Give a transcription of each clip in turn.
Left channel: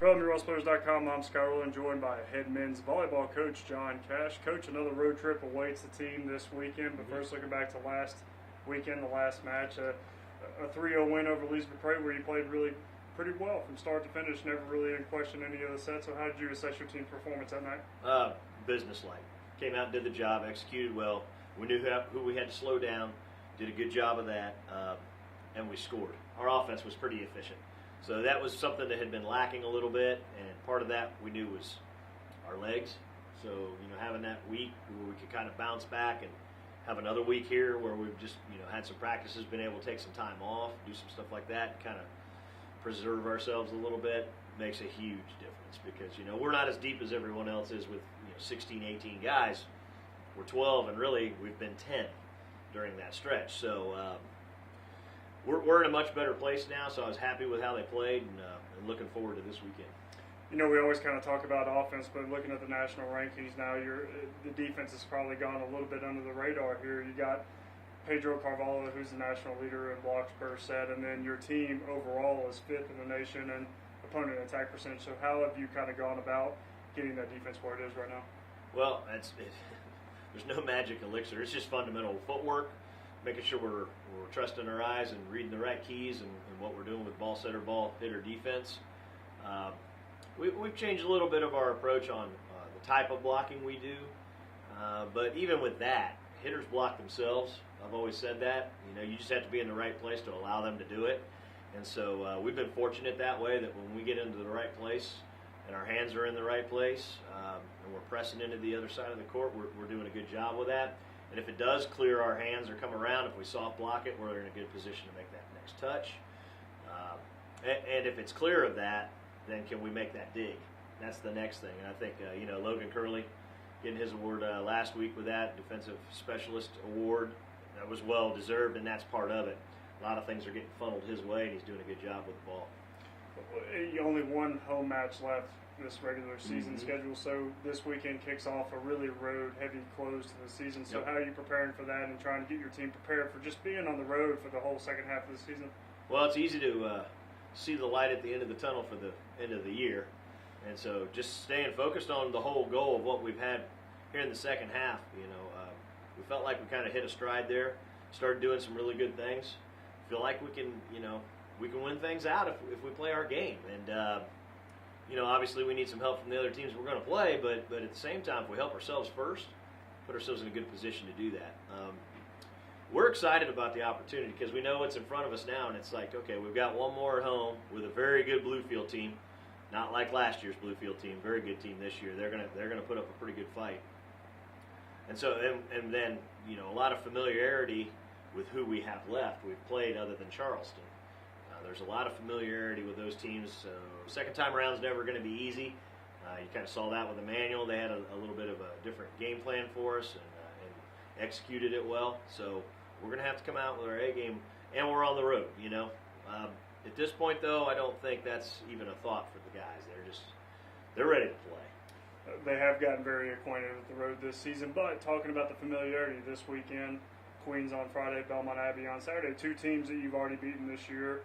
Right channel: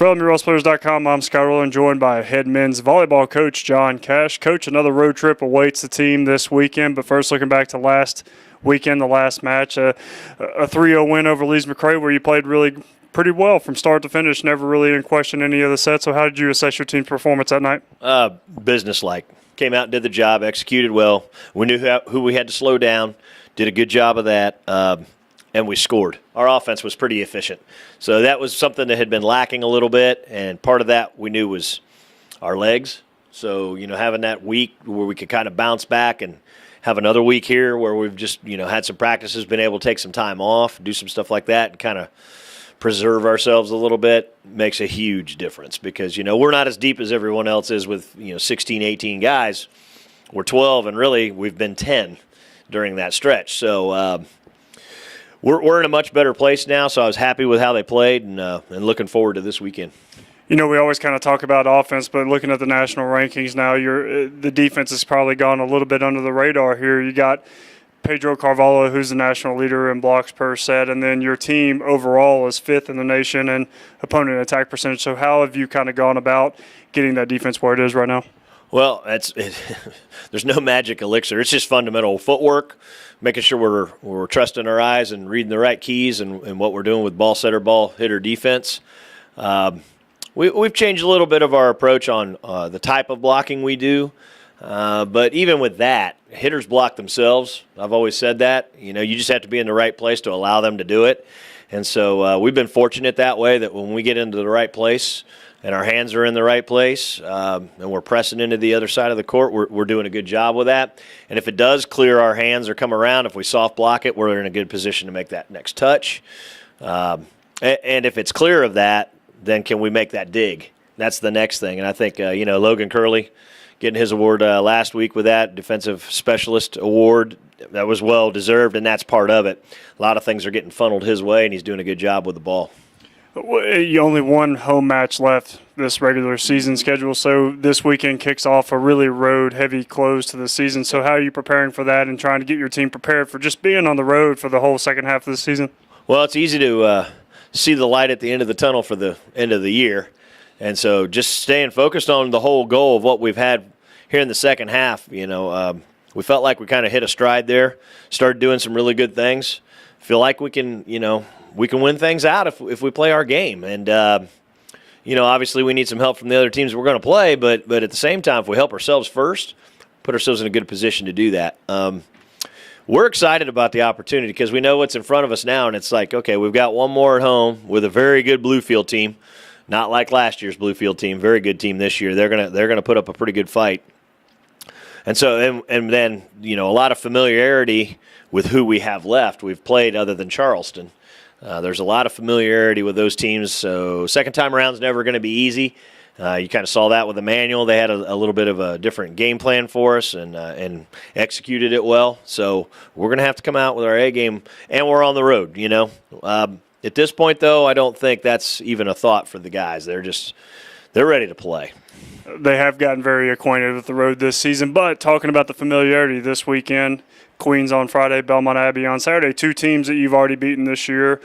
From MuralsPlayers.com, I'm Scott Rowland, joined by head men's volleyball coach John Cash. Coach, another road trip awaits the team this weekend, but first looking back to last weekend, the last match, a 3-0 win over Lees McRae where you played really pretty well from start to finish, never really in question any of the sets. So how did you assess your team's performance that night? Business-like. Came out and did the job, executed well. We knew who we had to slow down, did a good job of that, and we scored. Our offense was pretty efficient. So that was something that had been lacking a little bit, and part of that we knew was our legs. So, having that week where we could kind of bounce back and have another week here where we've just, had some practices, been able to take some time off, do some stuff like that, and kind of preserve ourselves a little bit makes a huge difference because, we're not as deep as everyone else is with, 16, 18 guys. We're 12, and really we've been 10 during that stretch. So we're in a much better place now, so I was happy with how they played and looking forward to this weekend. We always kind of talk about offense, but looking at the national rankings now, the defense has probably gone a little bit under the radar here. You got Pedro Carvalho, who's the national leader in blocks per set, and then your team overall is 5th in the nation in opponent attack percentage. So how have you kind of gone about getting that defense where it is right now? Well, there's no magic elixir. It's just fundamental footwork, making sure we're trusting our eyes and reading the right keys and what we're doing with ball setter, ball hitter defense. We've changed a little bit of our approach on the type of blocking we do. But even with that, hitters block themselves. I've always said that. You just have to be in the right place to allow them to do it. And so we've been fortunate that way that when we get into the right place and our hands are in the right place and we're pressing into the other side of the court, we're doing a good job with that. And if it does clear our hands or come around, if we soft block it, we're in a good position to make that next touch. And if it's clear of that, then can we make that dig? That's the next thing. And I think, Logan Curley getting his award last week with that Defensive Specialist Award, that was well deserved, and that's part of it. A lot of things are getting funneled his way, and he's doing a good job with the ball. You only one home match left this regular season schedule, so this weekend kicks off a really road-heavy close to the season. So how are you preparing for that and trying to get your team prepared for just being on the road for the whole second half of the season? Well, it's easy to see the light at the end of the tunnel for the end of the year. And so just staying focused on the whole goal of what we've had here in the second half, we felt like we kind of hit a stride there, started doing some really good things. Feel like we can win things out if we play our game. And, obviously we need some help from the other teams we're going to play, but at the same time, if we help ourselves first, put ourselves in a good position to do that. We're excited about the opportunity because we know what's in front of us now, and it's like, okay, we've got one more at home with a very good Bluefield team. Not like last year's Bluefield team, very good team this year. They're gonna put up a pretty good fight. And so and then, a lot of familiarity with who we have left. We've played other than Charleston. There's a lot of familiarity with those teams, so second time around is never going to be easy. You kind of saw that with Emmanuel. They had a little bit of a different game plan for us and executed it well. So we're going to have to come out with our A game, and we're on the road, At this point, though, I don't think that's even a thought for the guys. They're ready to play. They have gotten very acquainted with the road this season, but talking about the familiarity this weekend, Queens on Friday, Belmont Abbey on Saturday, 2 teams that you've already beaten this year.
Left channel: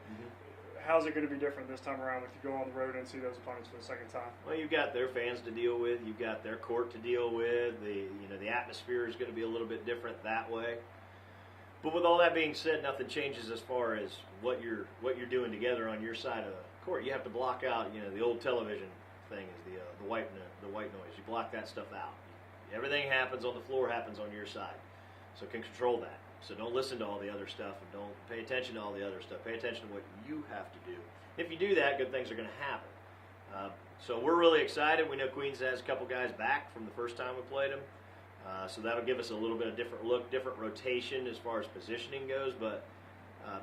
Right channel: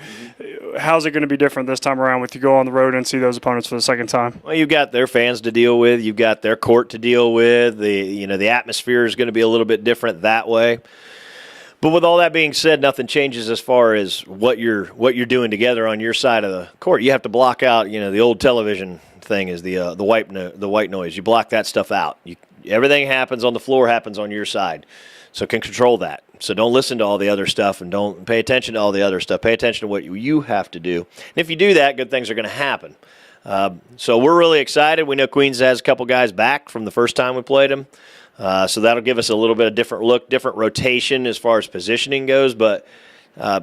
How's it going to be different this time around with you go on the road and see those opponents for the second time? Well, you've got their fans to deal with. You've got their court to deal with. The atmosphere is going to be a little bit different that way. But with all that being said, nothing changes as far as what you're doing together on your side of the court. You have to block out, the old television thing is the white noise. You block that stuff out. Everything happens on the floor happens on your side. So can control that. So don't listen to all the other stuff and don't pay attention to all the other stuff. Pay attention to what you have to do. And if you do that, good things are going to happen. So we're really excited. We know Queens has a couple guys back from the first time we played them. So that'll give us a little bit of different look, different rotation as far as positioning goes. But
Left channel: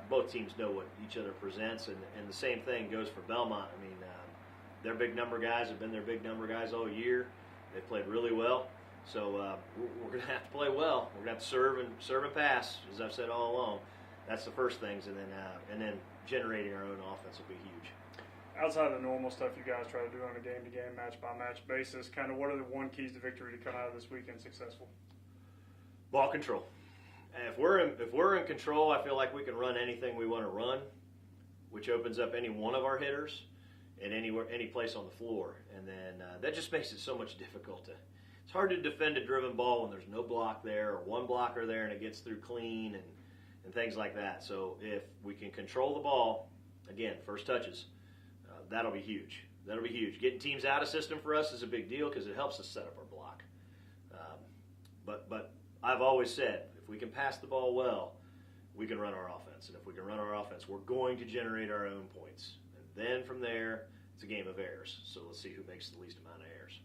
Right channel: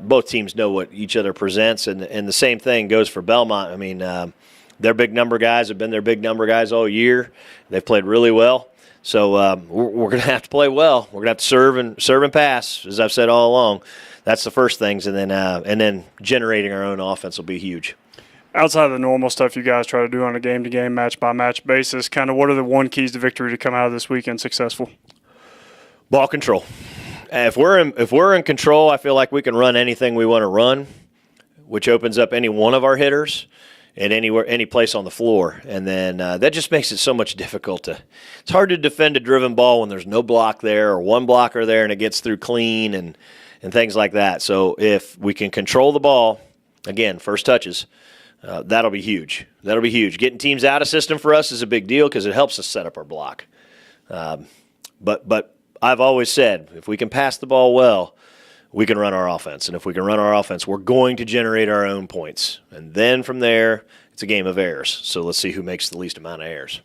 both teams know what each other presents. And the same thing goes for Belmont. I mean, their big number guys have been their big number guys all year. They've played really well. So we're going to have to play well. We're going to have to serve and pass, as I've said all along. That's the first things, and then generating our own offense will be huge. Outside of the normal stuff you guys try to do on a game-to-game, match-by-match basis, kind of what are the one keys to victory to come out of this weekend successful? Ball control. If we're in control, I feel like we can run anything we want to run, which opens up any one of our hitters. at any place on the floor, and then that just makes it so much difficult to. It's hard to defend a driven ball when there's no block there or one blocker there, and it gets through clean and things like that. So if we can control the ball, again, first touches, that'll be huge. That'll be huge. Getting teams out of system for us is a big deal because it helps us set up our block. But I've always said if we can pass the ball well, we can run our offense. And if we can run our offense, we're going to generate our own points. And then from there, it's a game of errors. So let's see who makes the least amount of errors.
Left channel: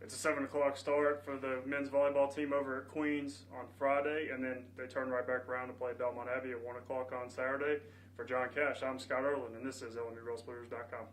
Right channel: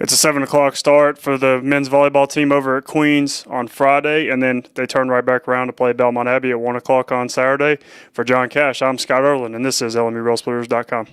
It's a 7 o'clock start for the men's volleyball team over at Queens on Friday, and then they turn right back around to play Belmont Abbey at 1 o'clock on Saturday. For John Cash, I'm Scott Erlin, and this is LMURailsplitters.com.